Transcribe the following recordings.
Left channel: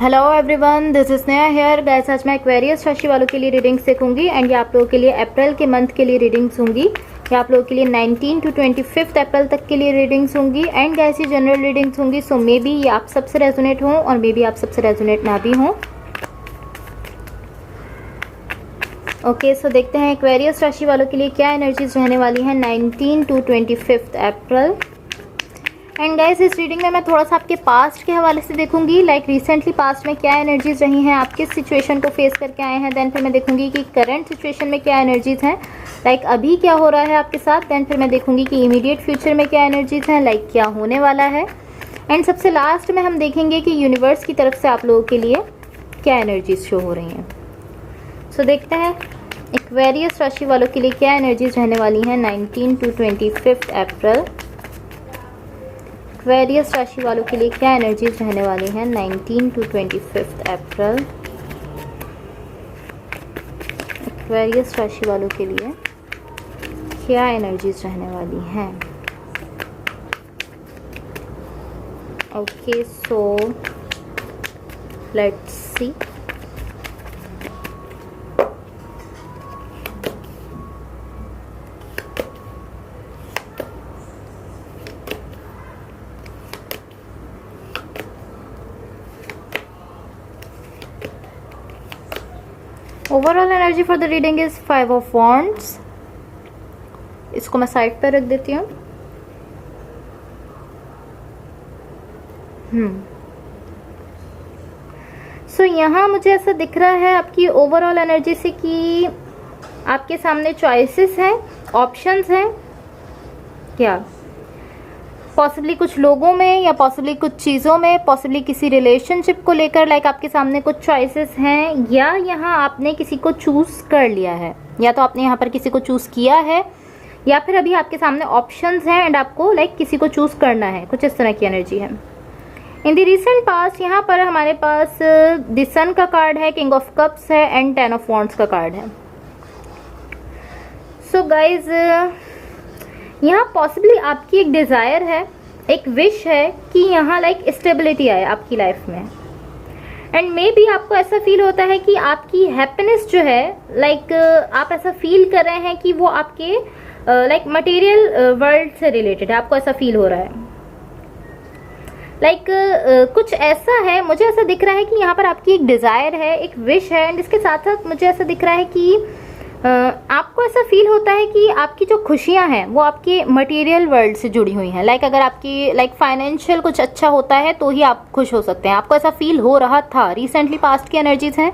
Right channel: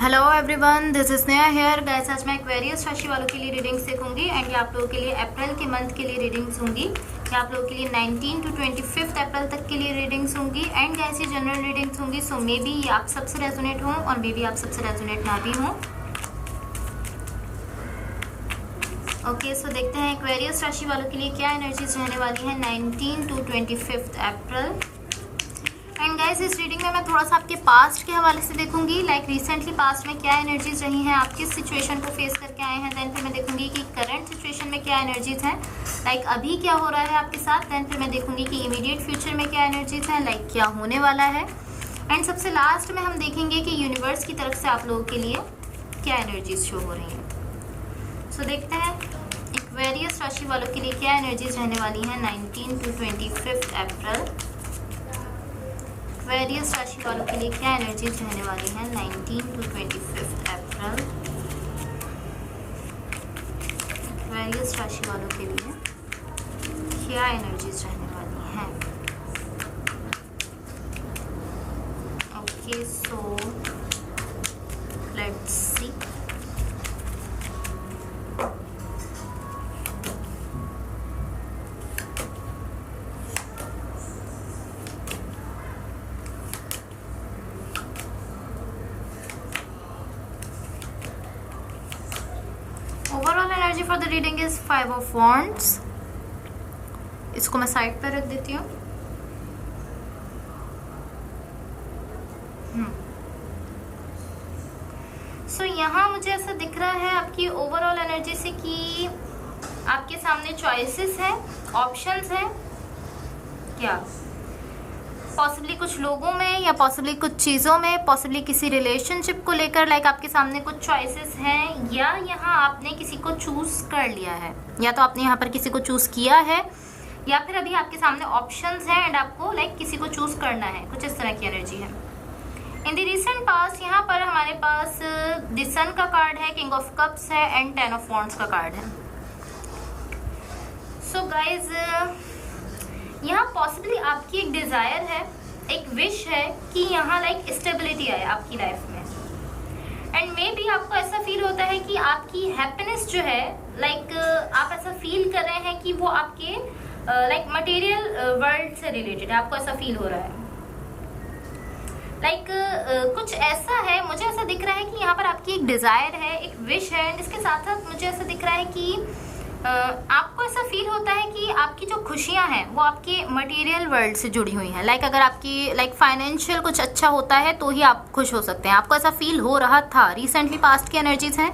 Hello everyone, this is Sneha here. Guys, आज मैं Aquarius राशि वालों के लिए रीडिंग्स देखूंगी एंड ये आप लोगों के लिए अप्रैल के मंथ के लिए रीडिंग्स होंगी। ये आप लोगों के लिए 19 to 25 अप्रैल तक के लिए रीडिंग्स होंगी एंड गाइस ये जनरल रीडिंग्स होंगी। सो मे बी ये आप सबसे रेजोनेट हो और मे बी आप सबसे रेजोनेट ना भी हो। ओके, सो देखते हैं एक्वेरियस राशि वालों के लिए क्या एनर्जीज रहने वाली हैं 19 to 25 अप्रैल। एंड गाइस, इस रीडिंग में मैं थोड़ा सा आपके पास्ट के हवाले से देखूंगी, लाइक रिसेंटली पास्ट में क्या एनर्जीज रही हैं, आप किस सिचुएशन को फेस करके आए हैं। देन फिर मैं देखूंगी कि करंट सिचुएशन में क्या एनर्जीज हैं, लाइक अभी क्या हो रहा है आपके साथ। देन फिर मैं देखूंगी कि इमीडिएट फ्यूचर में क्या एनर्जीज हैं, लाइक क्या होने वाला है। एंड सबसे लास्ट में हम देखेंगे कि यूनिवर्स की तरफ से आप लोगों के लिए क्या एनर्जीज शो हो रही हैं। सो देखते हैं एक्वेरियस राशि वालों के लिए क्या एनर्जीज रहने वाली हैं 19 to 25 अप्रैल। एक्वेरियस राशि वालों के लिए क्या एनर्जीज रहने वाली हैं 19 to 25 अप्रैल। एक्वेरियस राशि वालों के लिए क्या एनर्जीज रहने वाली हैं। Okay, so let's see. Overall energy for the reading is 5 of Wands। इसको मैं साइड पर रख देती हूँ। सो यहाँ मुझे ऐसा दिख रहा है आपकी ओवरऑल एनर्जी से कि आपके सामने चॉइसेस हैं, ऑप्शंस हैं। क्या पॉसिबली कुछ लोगों में या पॉसिबली कुछ चीज़ों में, पॉसिबली किसी रिलेशनशिप को लेकर, लाइक आपके सामने कुछ चॉइसेस हैं, या यहाँ आपने किसी को चूज कर लिया है, या तो आपने यहाँ पर किसी को चूज किया है, या फिर अभी आपके सामने ऑप्शंस हैं एंड आपको लाइक किसी को चूज करना है। कुछ इस तरह की एनर्जी है। इन द रिसेंट पास्ट यहाँ पर हमारे पास द सन का कार्ड है, किंग ऑफ कप्स है एंड 10 of Wands का कार्ड है। सो गाइज, यहाँ पॉसिबली आपकी एक डिजायर है, एक विश है कि यहाँ लाइक स्टेबिलिटी आए आपकी लाइफ में। एंड मे बी आपको ऐसा फील होता है कि आपकी हैप्पीनेस जो है, लाइक आप ऐसा फील कर रहे हैं कि वो आपके लाइक मटेरियल वर्ल्ड से रिलेटेड है। आपको ऐसा फील हो रहा है लाइक कुछ ऐसा है। मुझे ऐसा दिख रहा है कि यहाँ पर आपकी एक डिजायर है, एक विश है एंड इसके साथ साथ मुझे ऐसा दिख रहा है कि आपको ऐसा फील होता है कि आपकी जो खुशियां हैं वो आपके मटेरियल वर्ल्ड से जुड़ी हुई हैं। लाइक अगर आपकी लाइक फाइनेंशियल कुछ अच्छा होता है तो ही आप खुश हो सकते हैं। आपको ऐसा फील हो रहा था, रिसेंटली पास्ट की एनर्जीज हैं।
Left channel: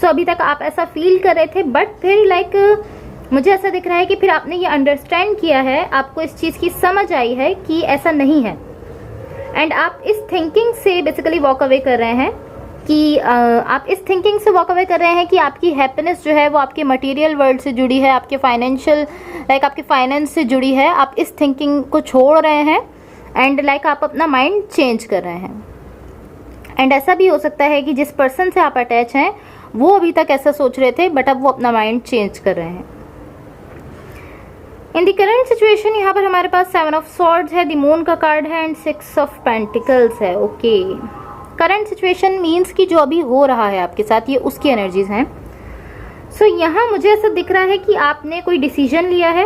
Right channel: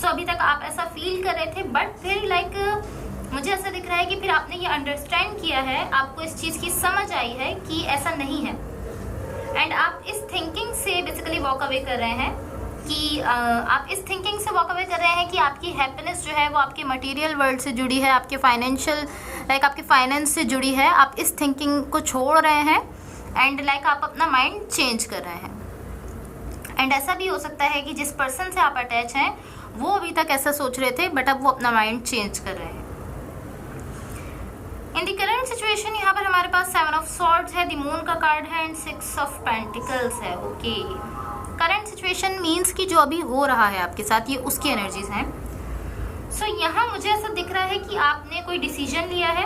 सो अभी तक आप ऐसा फील कर रहे थे, बट फिर लाइक मुझे ऐसा दिख रहा है कि फिर आपने ये अंडरस्टैंड किया है, आपको इस चीज़ की समझ आई है कि ऐसा नहीं है एंड आप इस थिंकिंग से बेसिकली वॉक अवे कर रहे हैं कि आप इस थिंकिंग से वॉक अवे कर रहे हैं कि आपकी हैप्पीनेस जो है वो आपके मटेरियल वर्ल्ड से जुड़ी है, आपके फाइनेंशियल लाइक आपके फाइनेंस से जुड़ी है। आप इस थिंकिंग को छोड़ रहे हैं एंड लाइक आप अपना माइंड चेंज कर रहे हैं। एंड ऐसा भी हो सकता है कि जिस पर्सन से आप अटैच हैं वो अभी तक ऐसा सोच रहे थे, बट अब वो अपना माइंड चेंज कर रहे हैं। इन द करंट सिचुएशन यहाँ पर हमारे पास 7 of Swords है, द मून का कार्ड है एंड 6 of Pentacles है। ओके, करंट सिचुएशन मीन्स कि जो अभी हो रहा है आपके साथ, ये उसकी एनर्जीज हैं। सो यहाँ मुझे ऐसा दिख रहा है कि आपने कोई डिसीजन लिया है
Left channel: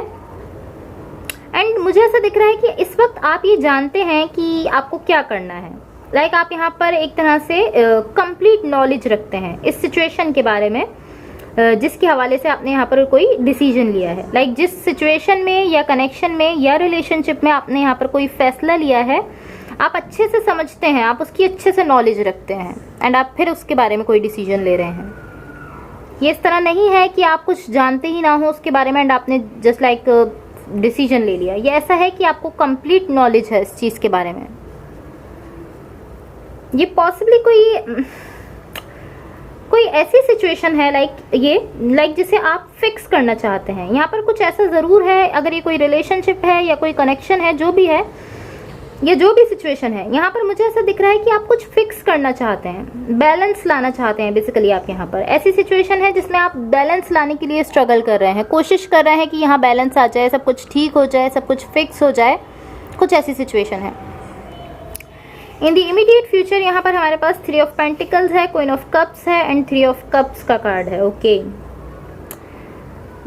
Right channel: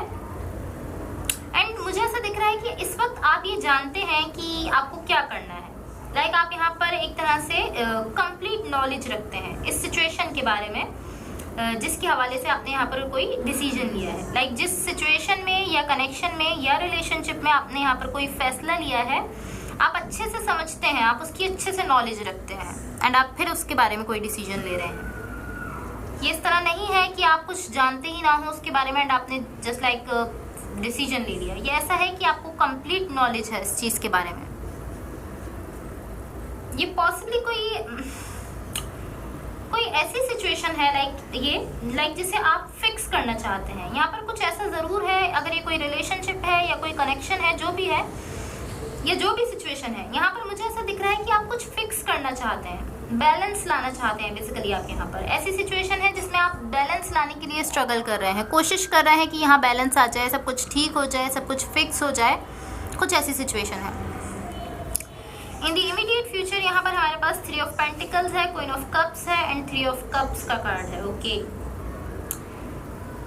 एंड मुझे ऐसा दिख रहा है कि इस वक्त आप ये जानते हैं कि आपको क्या करना है। लाइक आप यहाँ पर एक तरह से कंप्लीट नॉलेज रखते हैं इस सिचुएशन के बारे में, जिसके हवाले से आपने यहाँ पर कोई डिसीजन लिया है। लाइक जिस सिचुएशन में या कनेक्शन में या रिलेशनशिप में आपने यहाँ पर कोई फैसला लिया है, आप अच्छे से समझते हैं, आप उसकी अच्छे से नॉलेज रखते हैं एंड आप फिर उसके बारे में कोई डिसीजन ले रहे हैं। ये इस तरह नहीं है कि आप कुछ जानते ही ना हो उसके बारे में एंड आपने जस्ट लाइक डिसीजन ले लिया। ये ऐसा है कि आपको कंप्लीट नॉलेज है इस चीज़ के बारे में। ये पॉसिबली कोई ऐसी सिचुएशन है लाइक जिसे आप फिक्स करना चाहते हैं। यहाँ पर कुछ ऐसा ज़रूर है, अगर ये कोई रिलेशनशिप है या कोई कनेक्शन है, जो भी है, ये जो भी सिचुएशन है, यहाँ पर मुझे ऐसा दिख रहा है कि आप कुछ फिक्स करना चाहते हैं, बैलेंस लाना चाहते हैं। बेसिकली आप यहाँ पर ऐसी सिचुएशन है जिसमें आप बैलेंस लाने के लिए स्ट्रगल कर रहे हैं, कोशिश कर रहे हैं कि यहाँ बैलेंस आ जाए, सब कुछ ठीक हो जाए, सब कुछ फिक्स हो जाए। कुछ ऐसी सिचुएशन है। इन द इमीडिएट फ्यूचर यहाँ पर हमारे पास 3 ऑफ पेंटिकल्स है, क्वीन ऑफ कप्स है एंड 3 ऑफ कप्स का कार्ड है। ओके,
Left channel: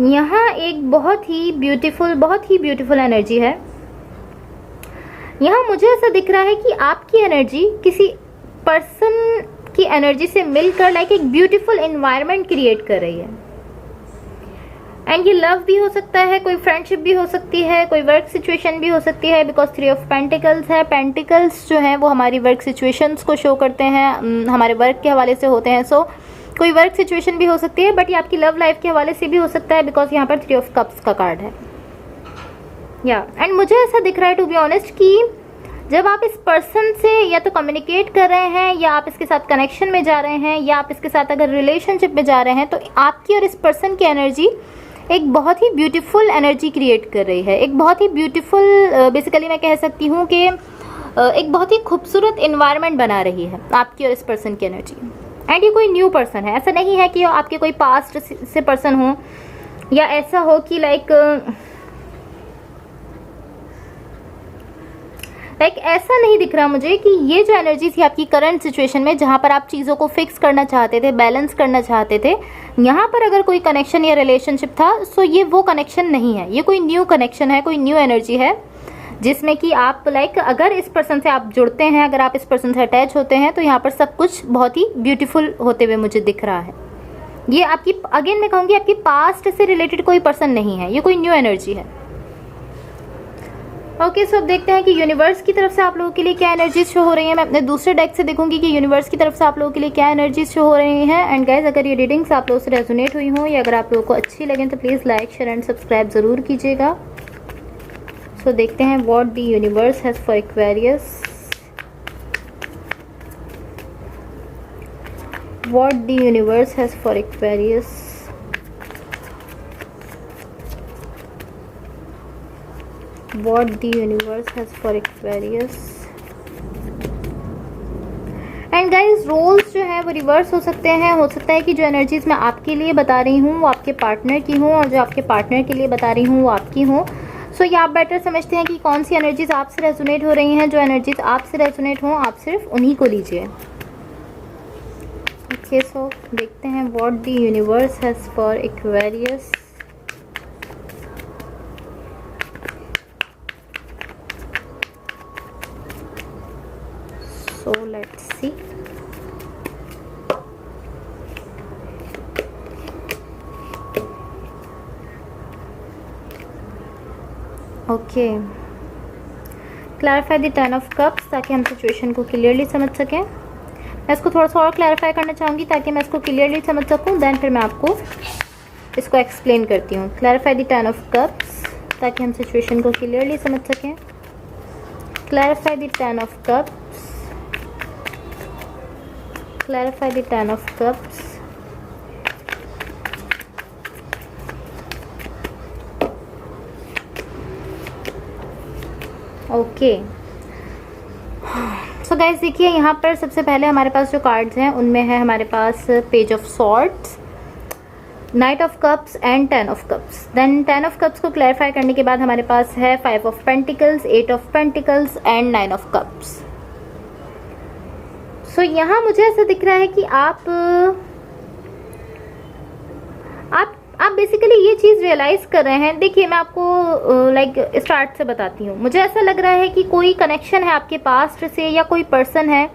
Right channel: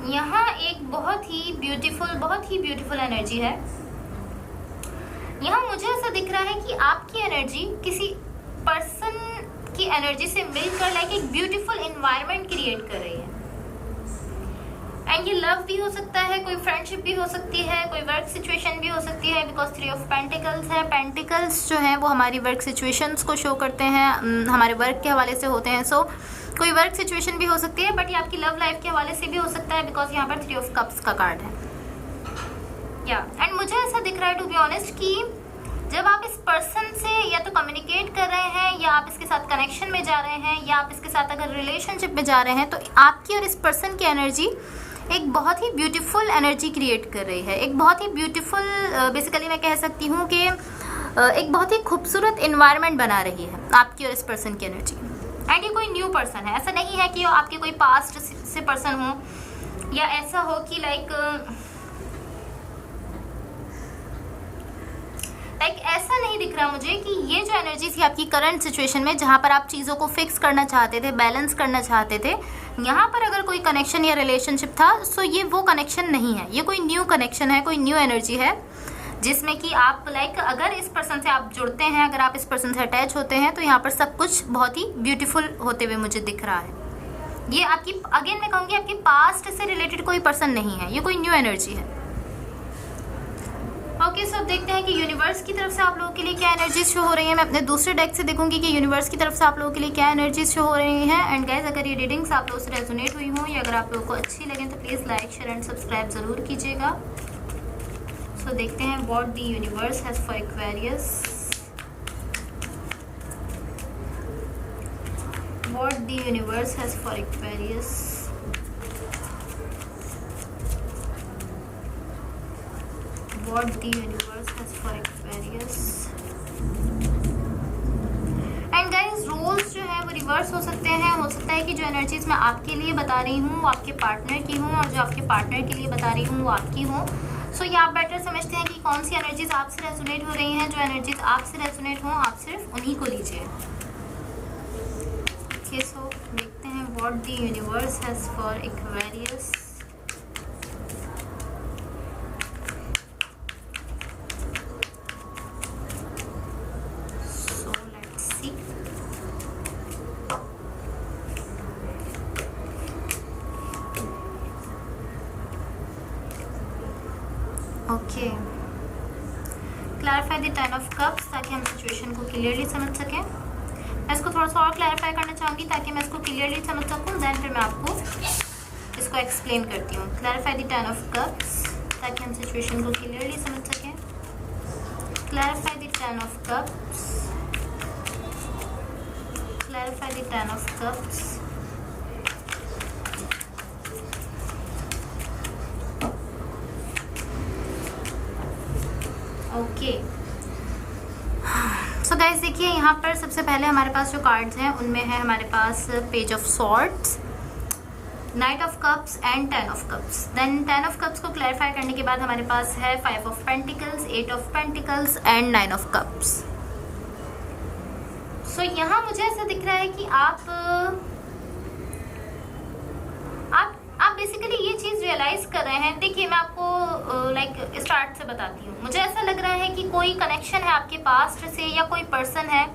यहाँ एक बहुत ही ब्यूटीफुल एनर्जी है। यहाँ मुझे ऐसा दिख रहा है कि आपकी एनर्जी किसी पर्सन की एनर्जी से मिलकर लाइक एक ब्यूटीफुल एनवायरनमेंट क्रिएट कर रही है। एंड ये लव भी हो सकता है, कोई फ्रेंडशिप भी हो सकती है, कोई वर्क सिचुएशन भी हो सकती है, बिकॉज 3 ऑफ पेंटिकल्स है। पेंटिकल्स जो हैं वो हमारी वर्क सिचुएशंस को शो करते हैं, हमारे वर्क के हवाले से होते हैं। सो कोई वर्क सिचुएशन भी हो सकती है, बट ये आपकी लव लाइफ के हवाले से भी हो सकता है, बिकॉज यहाँ पर 3 ऑफ कप्स का कार्ड है। या एंड मुझे ऐसा दिख रहा है टू बी ऑनेस्ट कि जब आप इस पर्सन से या तो कम्युनिकेट कर रहे हैं, या आप इसके साथ कनेक्शन में जा रहे हैं, या आप इसके साथ अगर रिलेशनशिप में जा रहे हैं, तो आपकी और इस पर्सन की एनर्जी एक बहुत ही ब्यूटीफुल एनर्जी क्रिएट कर रही है। एक बहुत ही ब्यूटीफुल बेसिकली मैं कह सकती हूँ कि एक बहुत ही खूबसूरत इन्वायरमेंट बना रही है आपकी और इस पर्सन की एनर्जी। एंड ये कोई न्यू पर्सन है, ऐसा नहीं है कि आपके कोई पास्ट से पर्सन हो, या ऐसा हो कि लाइक ऐसा नहीं दिख रहा मुझे कि ये जो एनर्जी थी आपकी करंट सिचुएशन में, जहाँ पर आप चीज़ों को फिक्स करना चाहते थे, बैलेंस करना चाहते थे, यहाँ पर अगर कोई कनेक्शन या रिलेशनशिप था, सो ये वो कनेक्शन नहीं है। ये कोई न्यू कनेक्शन है, कोई न्यू एनर्जी है, जिसमें कि आप लाइक अगर इस पर्सन से आप जुड़ते हैं, अगर आप इस पर्सन से अटैच होते हैं, तो यहाँ पर सब कुछ बहुत ही ब्यूटीफुल होते हुए मुझे दिख रहा है। ये आपकी अगेन मैं कहूँगी आपकी पास्ट से रिलेटेड कोई पर्सन नहीं है, ये कोई न्यू एनर्जी है। ओके, सो अब देखते हैं कि यूनिवर्स की तरफ से आप लोगों के लिए क्या एनर्जीज शो हो रही है। मैं अपने दूसरे डेक से देखूंगी कि यूनिवर्स की तरफ से आप लोगों के लिए क्या एनर्जीज शो हो रही हैं। एंड गाइज, अगर ये रीडिंग्स आप लोगों से रेजोनेट हुई हो, या अगर आप लोगों को अच्छी लगे, तो please like, share and subscribe जरूर कीजिएगा। सो देखते हैं what the universe has for Aquarius, what the universe has for Aquarius. What the universe has for Aquarius। And guys, roles जो है वो रिवर्स हो सकते हैं। हो सकता है कि जो एनर्जीज मैं आपके लिए बता रही हूँ वो आपके पार्टनर की हो, और जो आपके पार्टनर के लिए बता रही हूँ वो आपकी हो। सो ये आप बेटर समझते हैं कि कौन सी एनर्जीज आपसे रेजोनेट हो रही हैं। जो एनर्जीज आपसे रेजोनेट हो, आप सिर्फ उन्हीं को लीजिए। ओके, सो देखते हैं what the universe has for Aquarius. So let's see। Okay, clarify the 10 of cups, ताकि हम सिचुएशन को क्लियरली समझ सकें। मैं इसको थोड़ा सा और क्लैरिफाई करना चाहूँगी ताकि मैं इसको क्लियरली समझ सकूँ, देन फिर मैं आपको इसको एक्सप्लेन करती हूँ। क्लैरिफाई द 10 ऑफ कप्स, ताकि हम सिचुएशन को क्लियरली समझ सकें। Clarify the 10 of cups, clarify the 10 of cups। Okay, so guys देखिए, यहाँ पर सबसे पहले हमारे पास जो कार्ड्स हैं उनमें है हमारे पास page of swords, knight of cups and 10 of cups. Then 10 of cups को क्लैरिफाई करने के बाद हमारे पास है 5 of pentacles, 8 of pentacles and 9 of cups. So यहाँ मुझे ऐसा दिख रहा है कि आप बेसिकली ये चीज़ रियलाइज कर रहे हैं। देखिए, मैं आपको लाइक स्टार्ट से बताती हूँ। मुझे ऐसा लग रहा है कि कोई कनेक्शन है आपके पास्ट से, या कोई पर्सन है,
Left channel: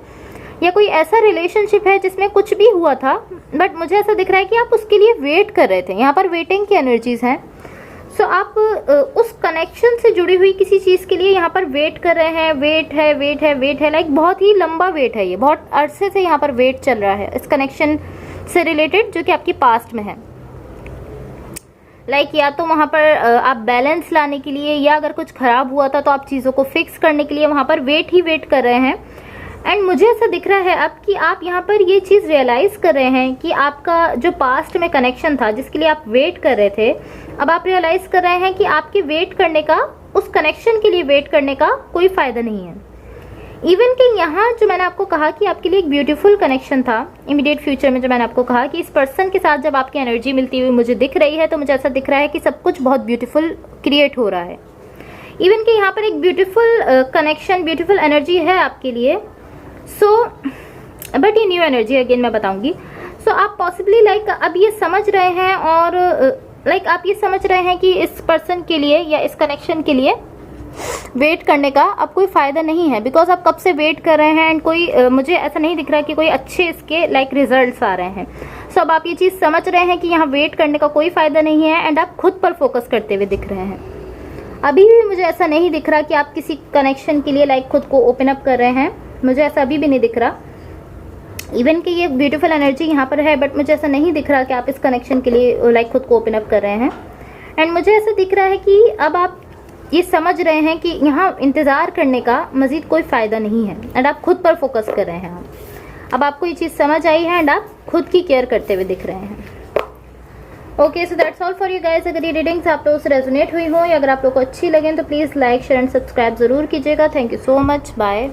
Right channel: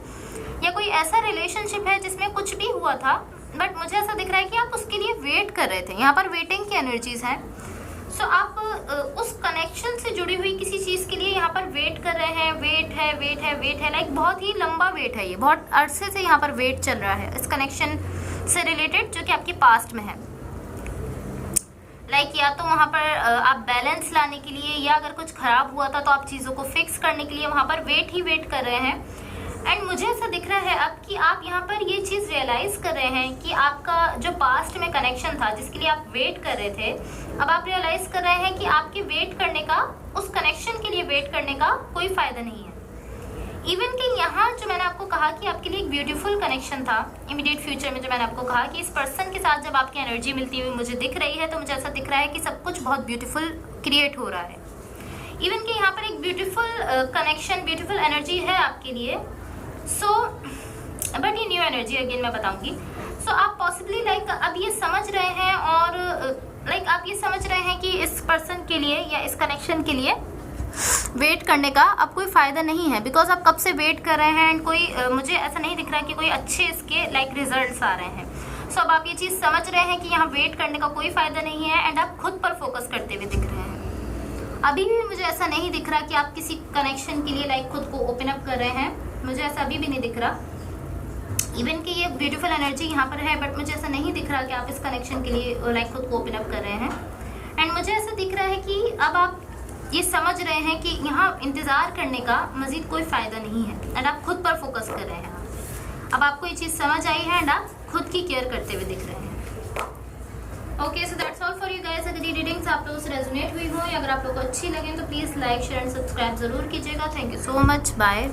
या कोई ऐसा रिलेशनशिप है जिसमें कुछ भी हुआ था, बट मुझे ऐसा दिख रहा है कि आप उसके लिए वेट कर रहे थे। यहाँ पर वेटिंग की एनर्जीज हैं। सो आप उस कनेक्शन से जुड़ी हुई किसी चीज़ के लिए यहाँ पर वेट कर रहे हैं। वेट है लाइक बहुत ही लंबा वेट है। ये बहुत अरसे से यहाँ पर वेट चल रहा है इस कनेक्शन से रिलेटेड, जो कि आपकी पास्ट में है। लाइक या तो वहाँ पर आप बैलेंस लाने के लिए, या अगर कुछ खराब हुआ था तो आप चीज़ों को फिक्स करने के लिए वहाँ पर वेट कर रहे हैं। एंड मुझे ऐसा दिख रहा है अब कि आप यहाँ पर ये चीज़ रियलाइज़ कर रहे हैं कि आपका जो पास्ट में कनेक्शन था जिसके लिए आप वेट कर रहे थे, अब आप रियलाइज़ कर रहे हैं कि आपके वेट करने का, उस कनेक्शन के लिए वेट करने का कोई फ़ायदा नहीं है। इवन कि यहाँ जो मैंने आपको कहा कि आपके लिए एक ब्यूटीफुल कनेक्शन था, इमीडिएट फ्यूचर में जो मैंने आपको कहा कि इस पर्सन के साथ जब आपकी एनर्जी मिलती हुई मुझे दिख रही है, तो मुझे ऐसा दिख रहा है कि सब कुछ बहुत ब्यूटीफुल क्रिएट हो रहा है। इवन कि यहाँ पर एक ब्यूटीफुल कनेक्शन, ब्यूटीफुल एनर्जी है आपके लिए, सो बट ये न्यू एनर्जी अगेन मैं बताऊंगी। सो आप पॉसिबली लाइक अब ये समझ रहे हैं और लाइक आप ये समझ रहे हैं कि इस पर्सन के लिए या इस कनेक्शन के लिए वेट करने का अब कोई फायदा नहीं है, बिकॉज आप कब से वेट कर रहे हैं एंड कोई मुझे ऐसा नहीं दिख रहा कि कोई अच्छे इसके लाइक रिजल्ट्स आ रहे हैं। सो अब आप ये चीज समझ रहे हैं कि यहाँ वेट करने का कोई फायदा नहीं है एंड आप खुद पर फोकस करते हुए दिख रहे हैं। अभी भी मुझे ऐसा नहीं दिख रहा कि आप किसी कनेक्शन के लिए लाइक खुद को ओपन अप कर रहे हैं, मुझे ऐसा अभी भी नहीं दिख रहा। इवन कि ये ब्यूटीफुल एनर्जी यहाँ पर है, बट मुझे ऐसा नहीं दिख रहा कि आप इस कनेक्शन के लिए लाइक खुद को ओपन अप कर रहे हैं। एंड मुझे ऐसा दिख रहा है कि अब आप ये समझ रहे हैं कि यहाँ इंतजार करने का मजीद कोई फायदा नहीं है एंड आप खुद पर फोकस कर रहे हैं। अब आपको ये चीज समझ आई है एंड आप खुद की केयर करते हुए दिख रहे हैं। Okay, so that's all for you guys. अगर ये रीडिंग्स आप लोगों से रेजोनेट हुई हो या अगर आप लोगों को अच्छी लगे तो please like share and subscribe जरूर कीजिएगा। Thank you so much, bye.